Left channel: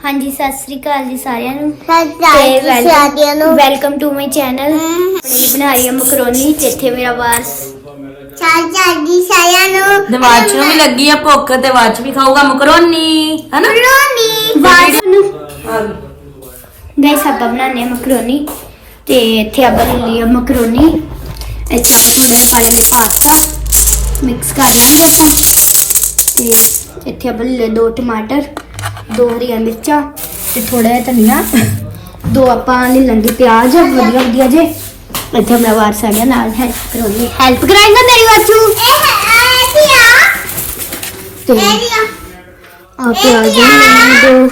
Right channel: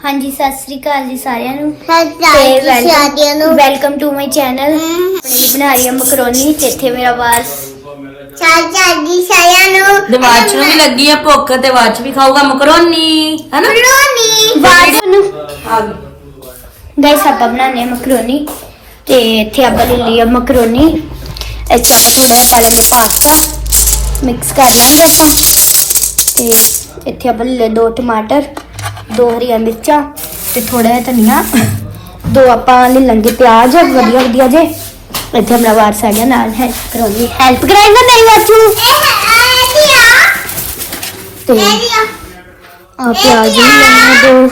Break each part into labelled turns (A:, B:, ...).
A: हाँ जी सत श्री अकाल जी सारिਆਂ ਨੂੰ
B: वेलकम
A: टू माय चैनल बना रही है मकरोनी ते इत्थे मेरा वास
B: दिवाच ਨੂੰ ਵੀ ਲੱਗੀ ਆ ਭੁੱਖ ਤੇ ਵਾਚ ਵੀ ਖਾਊਗਾ ਮਕਰੋਨੀ ਹੈ ਨਾ
A: वास ਨੂੰ गाइस ਆਪਾਂ ਬਣਾਉਂਦੇ ਹਾਂ ਮਕਰੋਨੀ ਤੇ ਇੱਥੇ ਆਪਾਂ ਲੈ ਲਈ ਮਕਰੋਨੀ ਇੱਥੇ ਆਪਾਂ ਥੋੜਾ ਜਿਹਾ ਪਾ ਲੈਂਦੇ ਪਾਸਤਾ ਮਿਕਸ ਕਰ ਲਾਂਗੇ ਆਪਾਂ ਤੇ ਇੱਥੇ ਆਪਾਂ ਲੈ ਲਏ 2 ਟਮਾਟਰ 2 ਹਰੀਆਂ ਮਿਰਚਾਂ ਤੇ ਥੋੜਾ ਜਿਹਾ ਧਨੀਆ 2 ਆਪਾਂ ਲੈ ਲਾਂਗੇ ਪਿਆਜ਼ ਵਧੀਆ ਜੇ ਇੱਥੇ ਮੇਰਾ ਵਾਰਸ ਆ ਗਿਆ ਨਾਲ ਹੈਲਪ ਕਰਾਉਣੀ ਹੈਲਪ ਕਰਾਏਗਾ ਮੇਰੀ ਵਾਚੂ ਤੇ ਆ ਪਿਆਜ਼ ਦੇ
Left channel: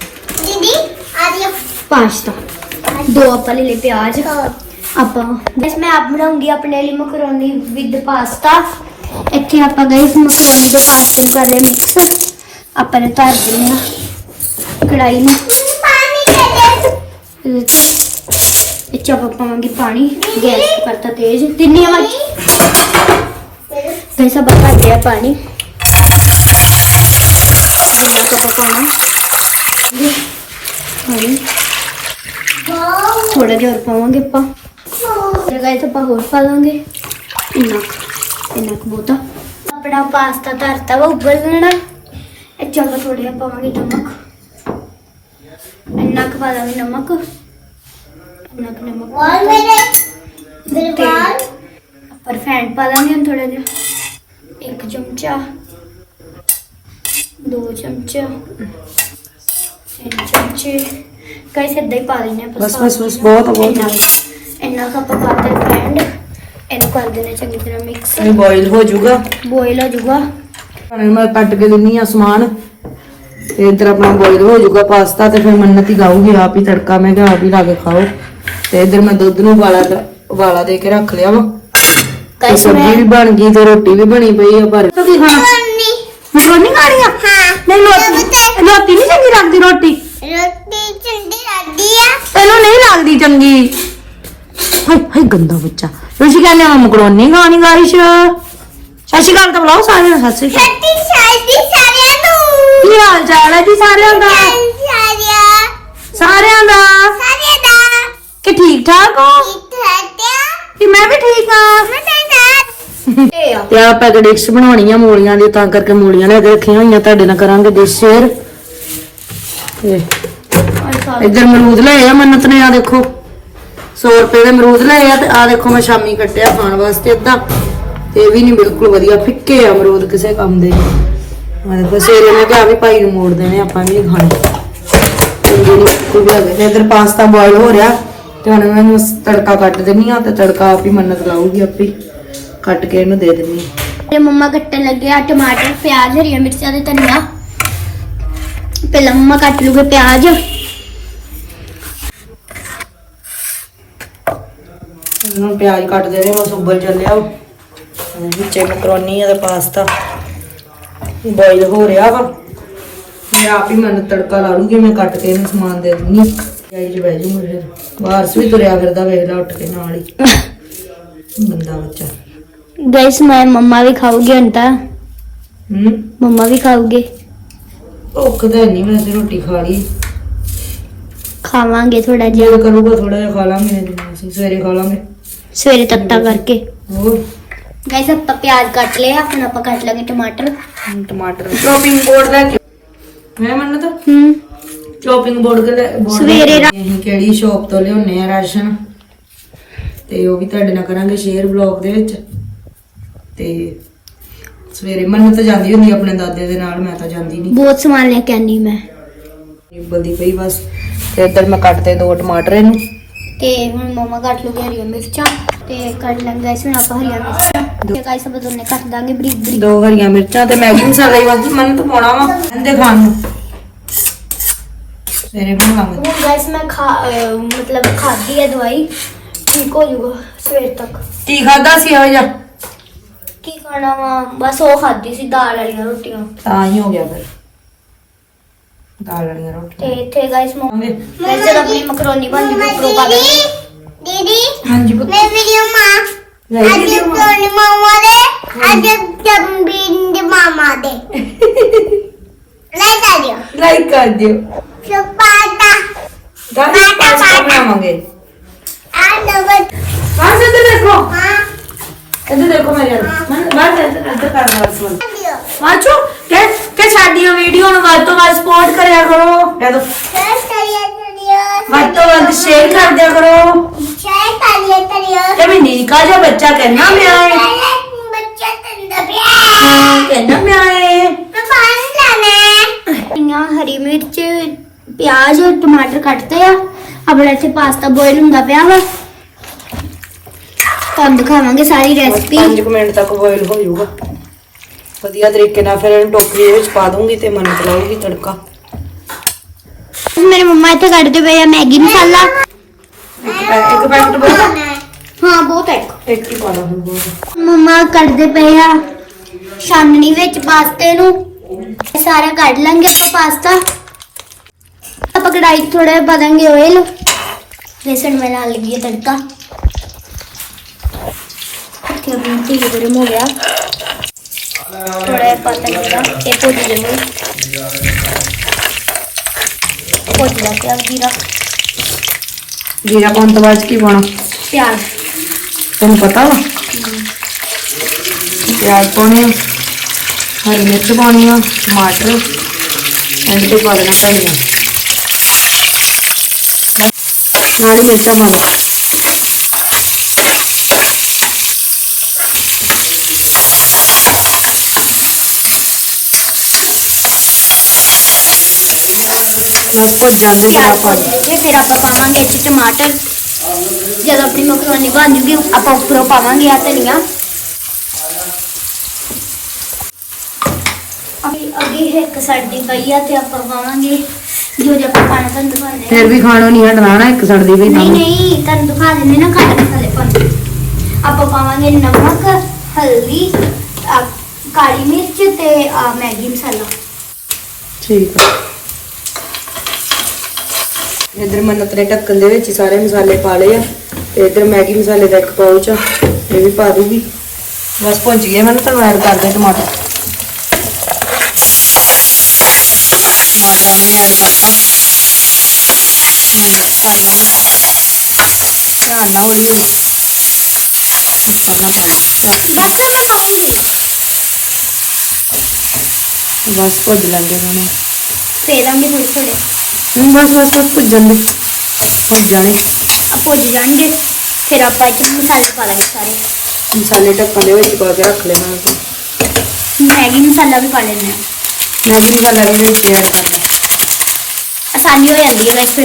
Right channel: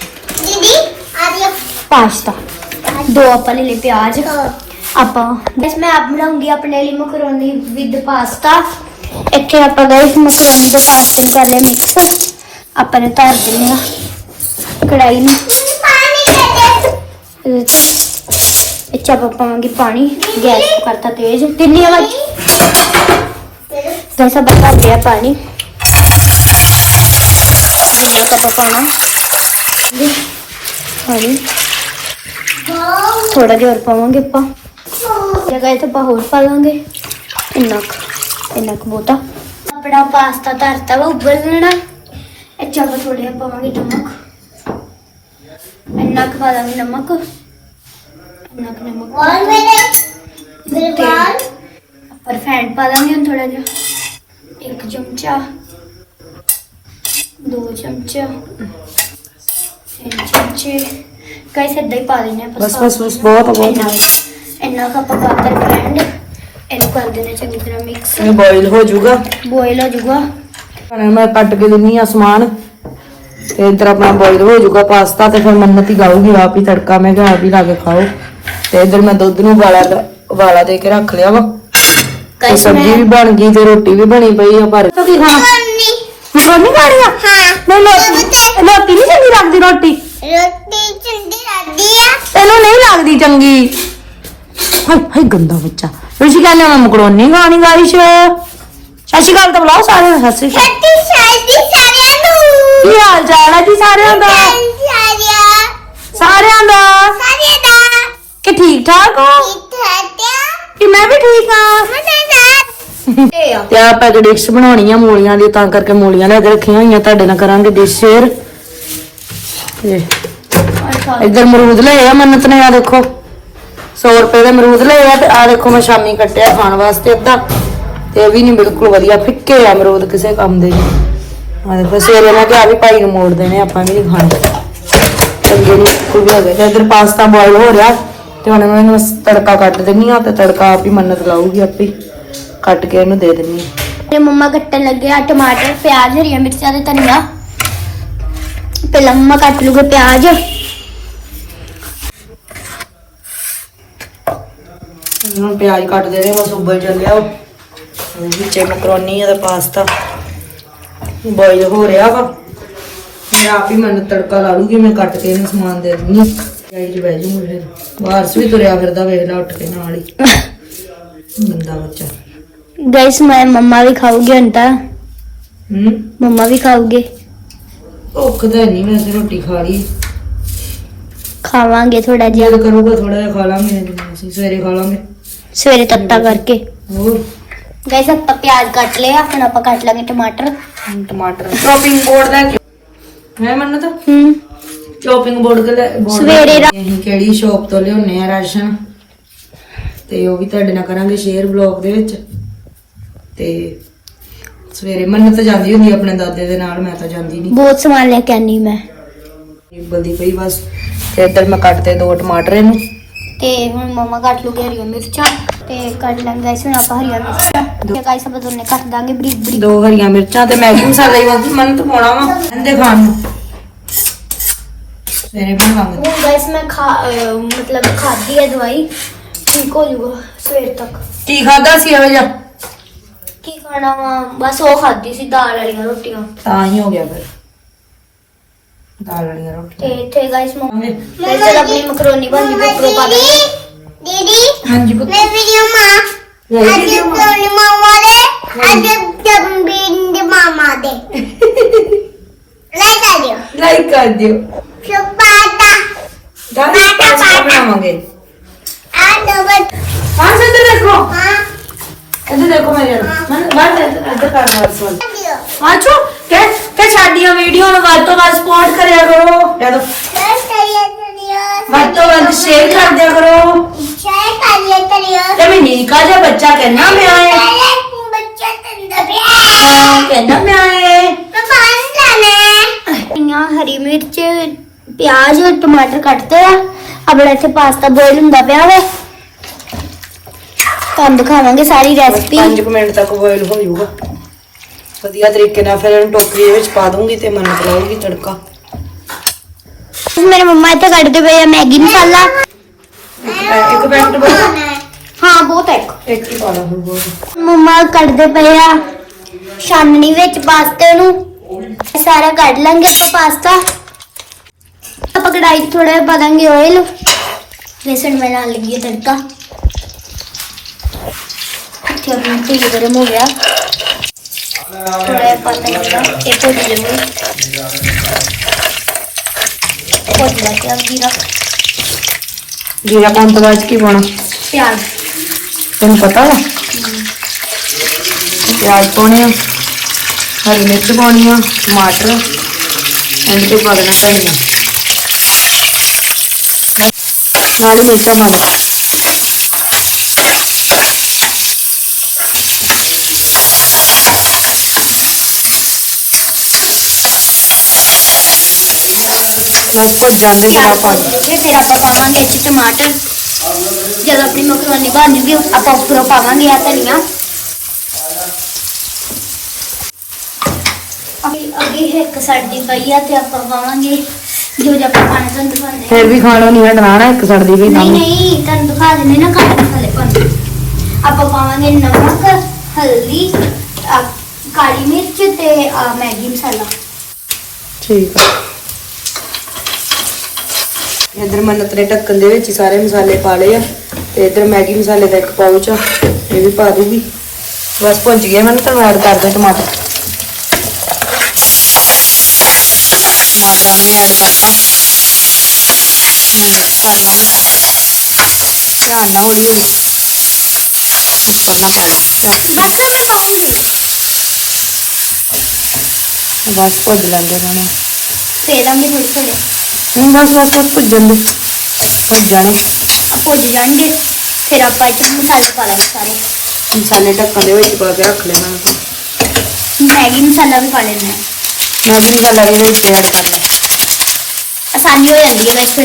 A: पास्ता 2 ਆਪਾਂ ਲੈ ਲਏ ਪਿਆਜ਼ ਆਪਾਂ ਬਸ ਮੈਂ ਆਪ ਬਣਾਉਂਗੀ ਆਪਣੇ ਲਈ ਮਕਰੋਨੀ ਵਿਦ ਪਾਸਤਾ ਇੱਥੇ ਆਪਾਂ ਗਾਇਸ ਮਕਰੋਨੀ ਤੇ ਪਾਸਤੇ ਨੂੰ ਕਰ ਲਿਆ ਮਿਕਸ ਆਪਾਂ ਨੇ ਧਰ ਦਿੰਦੇ ਆ ਕੜਾਈ ਨੂੰ ਇਹ ਚਾਪ ਪਾਵਾਂਗੇ ਪਾਣੀ ਗੈਸ ਨੂੰ ਕਰਤਾ ਤੇਜ਼ ਤਿੰਨੀ ਆਵਾਜ਼ ਗਾਇਸ ਆਪਾਂ ਭਰ ਲਿਆ ਪਾਣੀ ਜਿੰਨਾ ਕੱਪ ਪਾਣਾ ਪਾਣੀ थोड़ा जिहा और पावांगे ਆਪਾਂ जगह तो ਆਪਾਂ ਹੋਰ ਪਾ ਲਾਂਗੇ ਇੰਨਾ ਕੁ ਬਹੁਤਾ ਆਪਣਾ ਪਾਸਤਾ ਧਰਤਾ ਵਾ ਉਬਲਣਾ ਇਹ ਚਾਹ ਥੋੜਾ ਜਿਹਾ ਪਾਵਾਂਗੇ ਨਮਕ ਇੰਨਾ ਕੁ ਪਾ ਲਾਂਗੇ ਨਮਕ और मेरे बाद पर फैंट पा लांगे थोड़ा जिहा 1 चमचा 2 चमचा 3 चमचे कैसे इदा ही पा लेना
B: बस बहुत
A: इन्ना का पकाता है फ्रेंड इन कर देना चंगी तरह मिक्स
B: ये बॉईल हो जाऊगा मैं कट के दिनी आ समान ते इधर अपना बॉईल हो जाऊगा पास्ता ते फिर मन्नत ही लाऊगी आप ही तड़का मैं क्या आप ही ला के खाओ ते इधर मैं दुध नूं उबाला दे के रख लिया वा ते सब्जी भी बन गई ते रोटी भी बनी पई है पर मकरोनी खा रही है नहीं रोटी नहीं चंगी लगदी रोटी तेनू नहीं लगदी चंगी हाय गंदा बच्चा तुसी कहने हो मकरोनी खानी गाइस सत श्री अकाल तो बुलाओ सारे सत श्री अकाल की हाल चाल है जी सारिਆਂ ਦਾ कि ठीक ठाक हो कि मैं भी ठीक हां ਤੇ ਆਪਾਂ ਇੱਕ ਡਿਸ਼ ਬਣਾਉਣੀ ਆ ਮੂਲੀਆਂ ਦੀ ਤਾਂ ਕਰਕੇ ਮੂਲੀਆਂ ਲੈ ਕੇ ਰੱਖੀਆਂ ਹੋਈਆਂ ਤੁਹਾਡੇ ਨਾਲ ਕਰਾਂਗੇ ਡਿਸ਼ ਸ਼ੇਅਰ ਤੇ ਇੱਧਰ ਮਰੂਦ ਲਏ ਆ ਮੰਨਤ ਨੇ ਆ ਦੇਖੋ 100 ਰੁਪਏ ਦੇ ਮਰੂਦ ਲਏ ਆ ਤੇ ਆ ਦੇਖੋ ਮੈਂ ਸ਼ਾਮੀ ਕੱਟਿਆ ਖਾਣ ਵਾਸਤੇ ਅੱਧਾ ਤੇ ਇਹ ਵੀ ਨਹੀਂ ਬਿਲਕੁਲ ਵਧੀਆ ਫਿੱਕੇ ਆ ਮਰੂਦ ਕਿਸੇ ਕੰਮ ਦੇ ਆ ਦੇਖੋ ਸੇਰੇ ਨੇ ਕਿਹਾ ਵੀ ਭਾਈ ਨੂੰ ਮੋੜ ਦੇਣੇ ਆਪਾਂ ਵੀ ਨਹੀਂ ਖਾਣੇ ਚੰਗੇ ਨਹੀਂ ਕੋਈ ਵੀ ਹੈਗੇ ਤੇ ਇੱਧਰ ਪਾਸਤਾ ਬੋਇਲ ਹੋ ਰਿਹਾ ਤੇ ਹੁਣ ਮੈਂ ਇਹਨੂੰ ਤੜਕਾ ਕੱਟ ਦਿੰਨੀ ਆ ਤੇ ਤੜਕਾ ਆਪ ਹੀ ਮੰਨਤ ਲਾਊਗੀ ਆਪੇ ਕੱਟ ਕੇ ਇਹਨੂੰ ਦੇ ਦਿੰਨੀ
A: ਤੇ ਮੰਮਾ ਕੱਟਣ ਲੱਗੇ ਆ ਟਮਾਟਰ ਪਿਆਜ਼ ਹਰੀਆਂ ਮਿਰਚਾਂ ਤੇ ਧਨੀਆ ਪਹਿਲਾਂ ਮੰਮਾ ਕੱਟ ਲੂਗੇ ਪਿਆਜ਼
B: ਹੁਣ ਪਿਆਜ਼ ਕੱਟ ਦੇ ਰਹੇ ਬਸ ਉੱਬਲ ਚੱਲਿਆ ਵਿੱਚ ਮਕਰੋਨੀ ਤੇ ਪਾਸਤਾ ਬੋਇਲ ਹੋ ਰਿਹਾ ਵਾ ਮੈਂ ਆਪ ਹੀ ਮੈਨੂੰ ਤੜਕਾ ਲਾ ਲੂੰਗੀ ਮੈਂ ਕੱਟ ਕੇ ਇਹਨੂੰ ਸਮਾਨ ਦੇ ਦਿੰਨੀ ਜਾਈ ਜੀ ਬਹਿ ਜੂ ਮੇਰੇ ਬਾਹਰ ਵੀ ਤੁਰਿਆ ਫਿਰਦਾ ਵੇਖ ਲੈ ਉੱਠ ਕੇ ਨਾਲ ਹੀ ਬੰਦਾ ਬੱਚਾ
A: गाइस मैं मम्मा भी खाऊंगी अंता मम्मा भी खाओगे
B: भुख तो नहीं वैसे रोटी खा ली
A: खावांगे थोड़ा जिहा
B: करूंगा थोड़ा जिहा खा लांगे सवेरे खा लांगे
A: सवेरे तत्ता करके गाइस आप प्याज काट लिया हुन आप काट लांगे टमाटर
B: चॉपिंग बोर्ड लेके मैं मन्ना तो चॉपिंग बोर्ड के
A: सवेरे
B: ਕਿਹੜੀ ਸ਼ੌਪ ਤੋਂ ਲਿਆਉਣੇ ਆ ਰਾਸ਼ਨ ਤੇ ਉਹ ਵੀ ਤੁਹਾਡੇ ਨਾਲ ਕਰਾਂਗੇ ਸ਼ੇਅਰ ਵਲੌਗ ਦੇ ਵਿੱਚ ਤੇ ਸਵੇਰੇ ਮੰਨ ਤਾਂ ਜਾਂਦੀ ਹੁੰਦੀ ਆਪਣੇ ਦਾਦੇ ਦੇ ਨਾਲ ਮੈਂ ਤਾਂ ਜਾਂਦੀ ਨਹੀਂ
A: बहुत सामान लेके आनी मैं
B: ਬਲਦੀ ਪਈ ਬਸ ਤੇ ਤੱਕ ਮੈਂ ਕੱਟਦੇ 2 ਟਮਾਟਰ ਇਹਨੂੰ
A: ਤੇ ਹੁਣ ਮਮਾ ਕੱਟ ਲੂਗੇ ਹਰੀਆਂ ਮਿਰਚਾਂ ਤੇ ਕੱਟ ਲਾਂਗੇ ਗਾਇਸ ਹੁਣ ਆਪਾਂ ਹਰੀਆਂ ਮਿਰਚਾਂ ਤੇ ਗਾਇਸ ਆਪਾਂ ਦੋਨੇ ਕੱਟ ਦਾਂਗੇ ਬਰੀਕ
B: 2 ਹਰੀਆਂ ਮਿਰਚਾਂ ਤੇ ਮੈਗੀ ਮਸਾਲਾ ਹੀ ਬਸ ਮਨ ਤਾਂ ਪਾਉਣਾ ਵਾ ਇਹਦੇ ਖਾਣ ਨੂੰ ਸਵੇਰੇ ਬਣਾਵਾਂਗੇ
A: ਹੁਣ ਗਾਇਸ ਮੈਂ मतलब खादी है दवाई ठीक हो जाऊगा सवेर तक
B: ਕੀ ਖਾਦਾ ਸੀ ਹੋ ਜਾ
A: की खाना वा बस वो खादी सी दाल वाली रोटियां
B: ਤਾਂ ਹੀ ਹੋ ਗਿਆ ਫਿਰ ਦਾਲ ਵਾਲੀਆਂ
A: ते
B: ਰੋਟੀਆਂ
A: इथे गाइस गाइस जब अपनी मकरोनी बन जूगी ऊपर पा देंगे दीदी
B: ਹਾਂਜੀ ਪੁੱਤ
A: मैं वीडियो मां आज मामा दे आज जब बिंद मामा दे
B: ਲਾਈਕ ਕਰ ਦਿਓ ਗਾਣਾ ਪਾਸਤਾ ਬਣਾਵਾਂਗੇ ਹਾਂ ਇੱਧਰ ਦੇਖੋ ਇੱਧਰ ਦੇਖੋ ਮੇਰੇ ਬਾਹਰ ਇੱਧਰ ਕਰ ਸੁਣ ਆਜੋ ਤੇ ਸਾਡੀਆਂ ਵੀਡੀਓ ਨੂੰ ਵੱਧ ਤੋਂ ਵੱਧ ਸਪੋਰਟ ਕਰਿਆ ਕਰੋ ਲੈ ਦੋ ਵੱਧ ਤੋਂ ਵੱਧ ਸ਼ੇਅਰ ਕਰ ਦਿਆ ਕਰੋ ਤੇ ਮੈਂ ਨਿੱਕਾ ਜਿਹਾ ਬੱਚਾ ਕਹਿੰਦਾ ਮੈਂ ਆਏ ਕਹਿੰਦਾ ਮੈਂ ਆਏ
A: ਹਰੀ ਮਿਰਚ ਪਿਆਜ਼ और टमाटर ਕੱਟਦੇ ਆ ਆਪਣਾ ਇੱਥੇ ਪਾਸਤਾ ਬੋਇਲ ਹੁੰਦਾ ਪਿਆ ਵਾ ਤੁਹਾਨੂੰ ਦਿਖਾਵਾਂਗੇ ਸਾਰੀ ਰੈਸਪੀ
B: 5 ਮਿੰਟ ਤੱਕ ਬੋਇਲ ਹੋ ਜਾਊਗਾ ਵਧੀਆ ਤਰੀਕੇ ਨਾਲ ਫਿਰ ਟੋਕਰੀ ਦੇ ਵਿੱਚ ਪਾ ਦੂੰਗੀ ਤੇ ਮੰਨਤ ਲਾਉਗੀ ਤੜਕਾ
A: ਮੇਰੇ ਮੰਮਾ ਇੱਥੇ ਕੱਢਦੇ ਪਏ ਆ ਮੈਗੀ ਮਸਾਲਾ
B: ਇੱਕ ਪੈਕਟ ਬਹੁਤ
A: ਹਾਂ ਬਹੁਤ ਹੈ
B: ਇੱਕ ਹੀ ਪਾਣਾ ਹੁਣ ਬਹੁਤ
A: ਮੰਮਾ ਕੱਢਦੇ ਪਏ ਆ ਛਾਨਣੀ ਵਿੱਚ ਪਾਸਤੇ ਨੂੰ ਸਾਰਾ ਕੱਢ ਲਾਂਗੇ ਆਪਾਂ ਪਾਸਤਾ ਆਪਾਂ ਕੜਾਈ ਥੋੜਾ ਪਾ ਦਾਂਗੇ ਆਇਲ बेसन में डाल लगी है तड़का अपना तेल गर्म हो गया थोड़ा पता लगा एक हो जाएंगे जीरा
B: जीरा पाउन तो बाद की पाना
A: प्याज
B: तेन पता वा प्याज पाने हरी मिर्च पानी टमाटर एंड के पा देना धनिया नाली मिर्चा पा दो बस भुज जाते फिर आप
A: पावांगे टमाटर जब अपनी मखनी बन जूगी आप उपरों पावांगे धनिया अभी एक साड़ी पई है ते आप पावांगे जो जब खाना तन दिखाने
B: फिर भी खाना नहीं हटना ना एक सड़दी भी
A: नहीं नहीं तन दिखा देने ना खाने मसाले पाने आप पावांगे नमक हल्दी काली मिर्च ते मैगी मसाला
B: ठीक है इधर मन्नत ने ढक्कन दे विच सारे मसाले पा लए ते इधर मैगी मसाले दा एक पाउच आ ये भी पा दूंगी बस भुज गए मैंने तुहानू ऐड कर दे टमाटर टमाटर ने ऐड करता खाइयो ध्यान ना हौली हौली करना पा लो बस भुज लेंगे इन्होंने
A: फिर हम भी थोड़ी थोड़ी
B: बस बस बस भुजन दे भुज जाने
A: भुज जाएंगे फिर आप मसाले पा लेंगे सारे
B: मसाले ढक्कन दे विच पा के रख लेना
A: मैगी मसाला भी पा लेना
B: मैगी मसाला भी विच ऐड कर ले
A: आसानी हो जाती है वैसे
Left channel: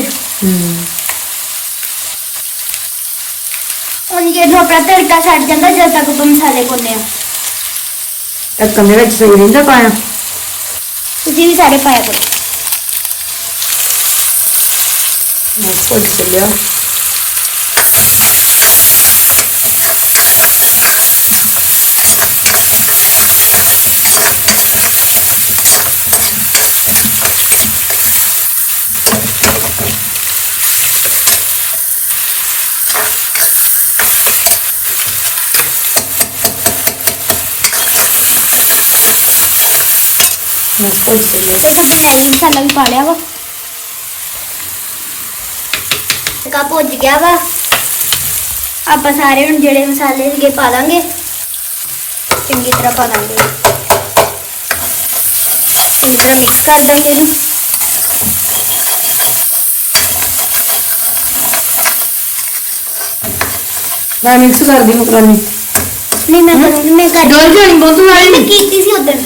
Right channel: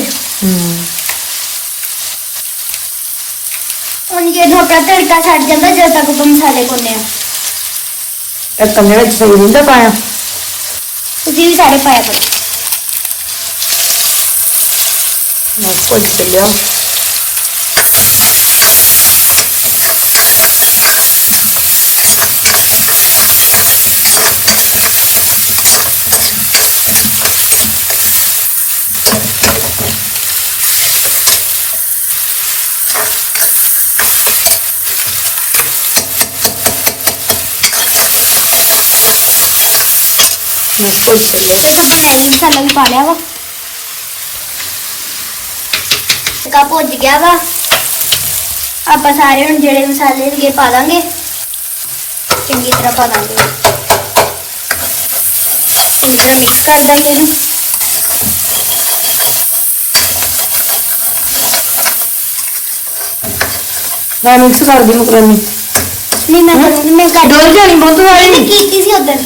A: ਹੁਣ ये तो अपना तड़का छट जाता जब तक वो मसाले भुनने
B: ढक्कन दे विच सही नहीं पाया
A: ਤੁਸੀਂ ਵੀ ਸਾਰੇ ਪਾਇਆ ਕਰੋ
B: बस भुज लिया बस भुज लिया
A: ਤੇ ਤੁਸੀਂ ਮੈਗੀ ਮਸਾਲਾ ਵੀ ਪਾ ਲਿਆ ਵਾ ਕਾ ਭੁੱਜ ਗਿਆ ਵਾ ਆਪਾਂ ਸਾਰੇ ਹੁਣ ਜਿਹੜੇ ਮਸਾਲੇ ਹੈਗੇ ਪਾ ਦਾਂਗੇ ਚੰਗੀ ਤਰ੍ਹਾਂ ਪਾ ਦਾਂਗੇ ਚੰਗੀ ਤਰ੍ਹਾਂ ਮਿਕਸ ਕਰ ਦਾਂਗੇ ਇਹਨੂੰ
B: मैं मिक्स कर दी मकरोनी
A: नहीं मैं करूँगी मैं कर
B: डोल जानी बहुत वाली
A: मैंने की थी उधर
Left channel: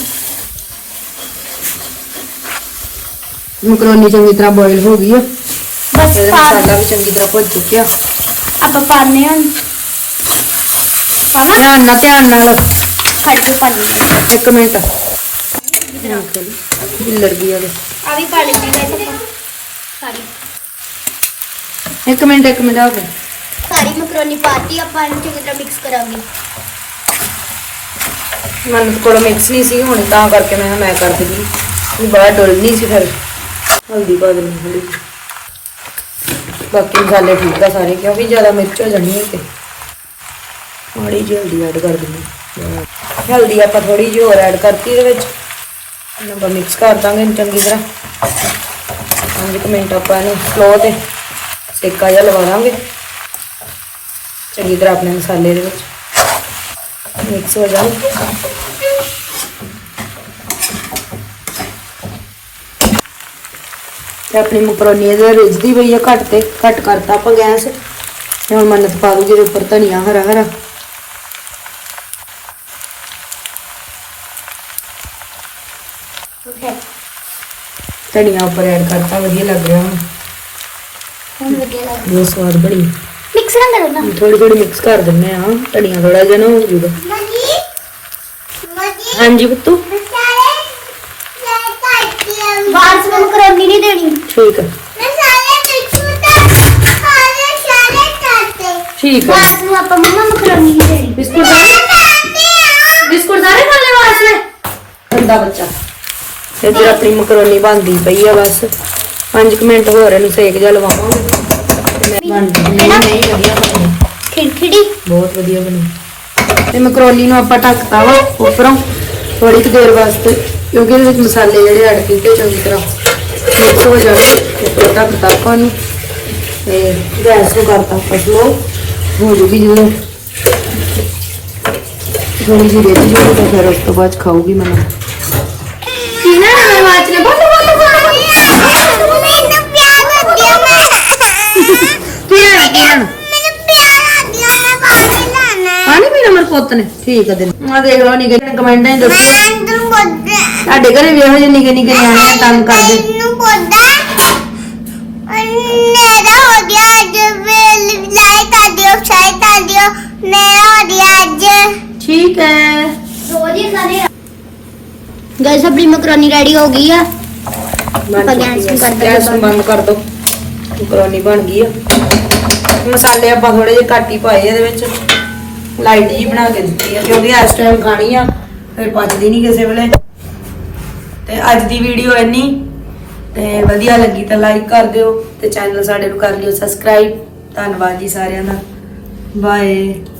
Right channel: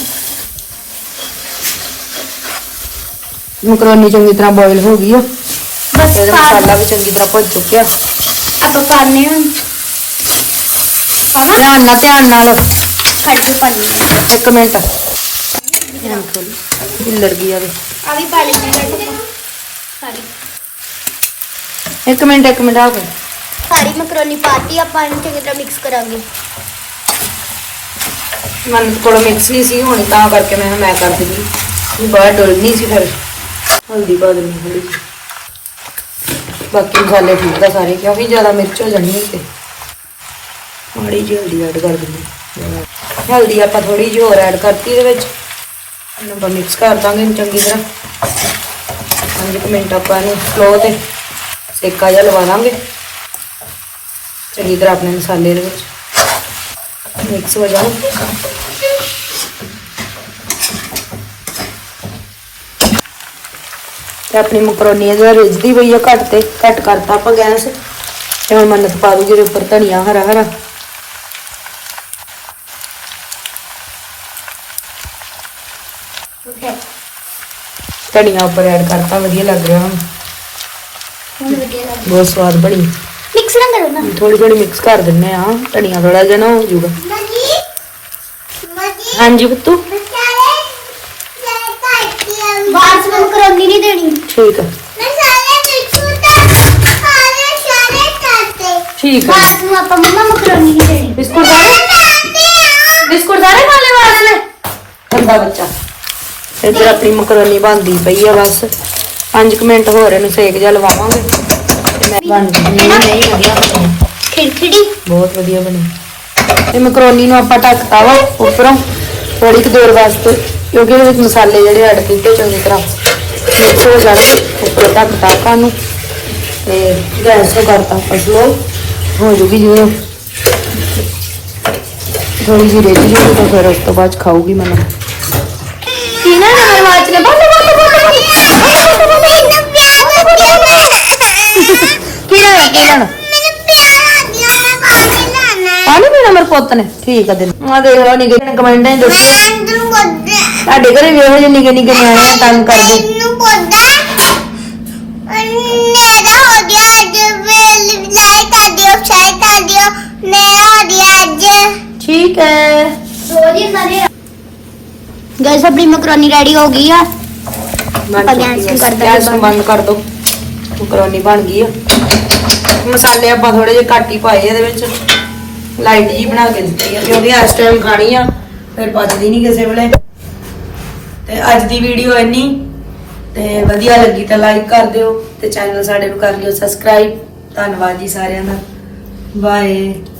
B: मकरोनी चंगी तरह बॉईल हो गई है
A: बस
B: मसाला भी चंगी तरह भुज चुकिया
A: ਆਪਾਂ ਪਾਣੇ ਆ ਪਾਣਾ
B: ध्यान नाल
A: ਕੱਢ ਕੇ ਪਾਣੀ
B: एक मिनट हिलर गई है
A: ਆ ਵੀ ਪਾ ਲੈਣੀ ਸਾਰੀ
B: एक मिनट आ गई
A: ਸਾਰੀ ਮਕਰੋਨੀ ਪਾਤੀ ਆਪਾਂ ਇਹਨੂੰ ਚੰਗੀ ਤਰ੍ਹਾਂ ਮਿਕਸ ਕਰਾਂਗੇ
B: मैं थोड़ा मिक्स नहीं सी हुणे तां करके मैं कर दी बाहर डुल नहीं सी फिर हल्दी पा देनी थोड़ी बाकी मसाले ठीक है सारे क्योंकि ज़्यादा मिर्च हो जानी है थोड़ी जी हल्दी ऐड कर देंगे हल्दी आप थोड़ी जी होर ऐड करती है ਇਹਨੂੰ ਮਿਕਸ ਕਰ ਦਾਂਗੇ ਚੰਗੀ ਤਰ੍ਹਾਂ। 5 ਮਿੰਟ ਆਪਾਂ ਇਹਨੂੰ ਸਲੋ ਤੇ ਸੇਕਾ ਜਿਹਾ ਲਵਾ ਦਾਂਗੇ ਚੰਗੀ ਤਰ੍ਹਾਂ ਆਪਣੇ ਮਸਾਲੇ ਦੇ ਵਿੱਚ ਮਿਕਸ ਹੋ ਜਾਣ। ਤੇ ਆਪਣੀ ਮਕਰੋਨੀ ਇਹਦਾ ਰਿੱਝਦੀ ਪਈ ਆ, ਘੱਟ ਕਰਤਾ ਆਪਾਂ ਗੈਸ ਤੇ ਹੁਣ ਮੰਨਤ ਪਾ ਦੂਗੀ ਇਹਦੇ ਉੱਪਰ ਧਨੀਆ ਹਰਾ ਹਰਾ। ਧਨੀਆ ਉੱਪਰ ਐਡ ਕਰਤਾ, ਵਧੀਆ ਲੱਗ ਰਿਹਾ ਹੁਣ, ਬਹੁਤ ਸਵਾਦ ਬਣੀ।
A: ਮਿਕਸ ਨਾ ਕਰੋ ਨਾ,
B: ਥੋੜੀ ਮਿਕਸ ਕਰ ਦਿੰਦੇ ਆ, ਧਨੀਆ ਥੋੜਾ ਜਿਹਾ ਨਾ ਹੋ ਜੂਗਾ। ਹਾਂਜੀ ਬੱਤੂ
A: ਬਾਅਦ ਵਿੱਚ ਮਕਰੋਨੀ ਨਹੀਂ ਦੇਣੀ।
B: ਠੀਕ ਆ ਠੀਕ ਆ।
A: ਬਾਅਦ ਨੂੰ ਆਪਾਂ ਮੰਮਾ ਮਕਰੋਨੀ ਨਹੀਂ ਦੇਣੀ।
B: ਬਿਸਕੁਟ ਸਾਰੇ ਖਾਣੇ ਵਾਸਤੇ ਬੰਦਾ ਬੱਚਾ। ਇੱਧਰ ਆਪਣੀ ਮਕਰੋਨੀ ਬਣਦੀ ਪਈ ਆ, ਬਸ 5 ਮਿੰਟ ਹੋਰ ਇਹਨੂੰ ਸੇਕ ਜਿਹਾ ਲਵਾਵਾਂਗੇ। ਬਣ ਗਈ ਨਹੀਂ ਵਧੀਆ ਬਣੀ,
A: ਖਿੜਖਿੜੀ
B: ਬਹੁਤ ਵਧੀਆ ਬਣੀ। ਤੇ ਮਕਰੋਨੀ ਨੂੰ ਆਪਾਂ ਢੱਕਤਾ ਵਾ ਉੱਪਰੋਂ ਥੋੜੀ ਕੁ ਦੇਰ ਵਾਸਤੇ, ਕਿਉਂਕਿ ਇਹਦੇ ਵਿੱਚ ਮਸਾਲੇ ਜਿਹੜੇ ਐਡ ਕੀਤੇ ਚੰਗੀ ਤਰ੍ਹਾਂ ਮਿਕਸ ਹੋ ਜਾਣਗੇ। ਉੱਪਰ ਢੱਕਤਾ ਆਪਾਂ ਨੂੰ ਤੇ ਗੈਸ ਨੂੰ ਕਰਤਾ ਆਪਾਂ ਸਲੋ ਹੋ ਜੂਗੀ। ਜਿਵੇਂ ਥੋੜੀ ਜਿਹੀ ਰੇਤੀ ਜੂਗੀ ਤਾਂ ਫਿਰ ਉਸ ਤੋਂ ਬਾਅਦ ਖਾਊਗੀ ਮੈਨੂੰ।
A: ਕਿਹਨਾਂ ਨੰਬਰ ਵਾਚ ਲੈ ਬੋਲ
B: ਪਾਣੀ ਪੀਣਾ ਮੇਰੇ ਪੁੱਤ ਨੇ? ਠੀਕ ਆ ਦਿਨ ਆ ਦੇਖ ਲਓ ਨਿੱਕੇ ਕਮੈਂਟਾਂ ਹੀ ਦੱਸਿਓ ਤੁਹਾਡੇ ਘਰੇ ਵੀ ਇਹੋ ਜਿਹੇ ਨਿੱਕੇ ਨਿਆਣੇ ਤੰਗ ਕਰਦੇ। ठीक है
A: गैस अपनी मकरोनी रेडी हो गई है।
B: गैस बंद कर दो। मकरोनी बन गई है। मसाले ਆਪਾਂ ਥੋੜੇ ਜਿਹੇ ਘੱਟ ਹੀ ਪਾਏ ਇਹਦੇ ਵਿੱਚ, ਲਾਈਟ ਜੀ ਬਣਾ ਕੇ ਦਿੱਤੀ ਹੈ ਕਿਉਂਕਿ ਇਸ ਟਾਈਮ ਖਾਣੀ ਆ ਫਿਰ ਪਚਦੀ ਨਹੀਂ ਕਿਸੇ ਵੇਲੇ। ਤੇ ਅੱਜ ਦੀ ਵੀਡੀਓ ਇੰਨੀ, ਤੇ ਵਧੀਆ ਲੱਗੀ ਤਾਂ ਲਾਈਕ ਕਰ ਦਿਓ ਤੇ ਚੈਨਲ ਸਾਡੇ ਨੂੰ ਕਰ ਲਿਓ ਸਬਸਕ੍ਰਾਈਬ। ਧੰਨਵਾਦ ਜੀ ਸਾਰਿਆਂ ਦਾ, ਬਾਏ।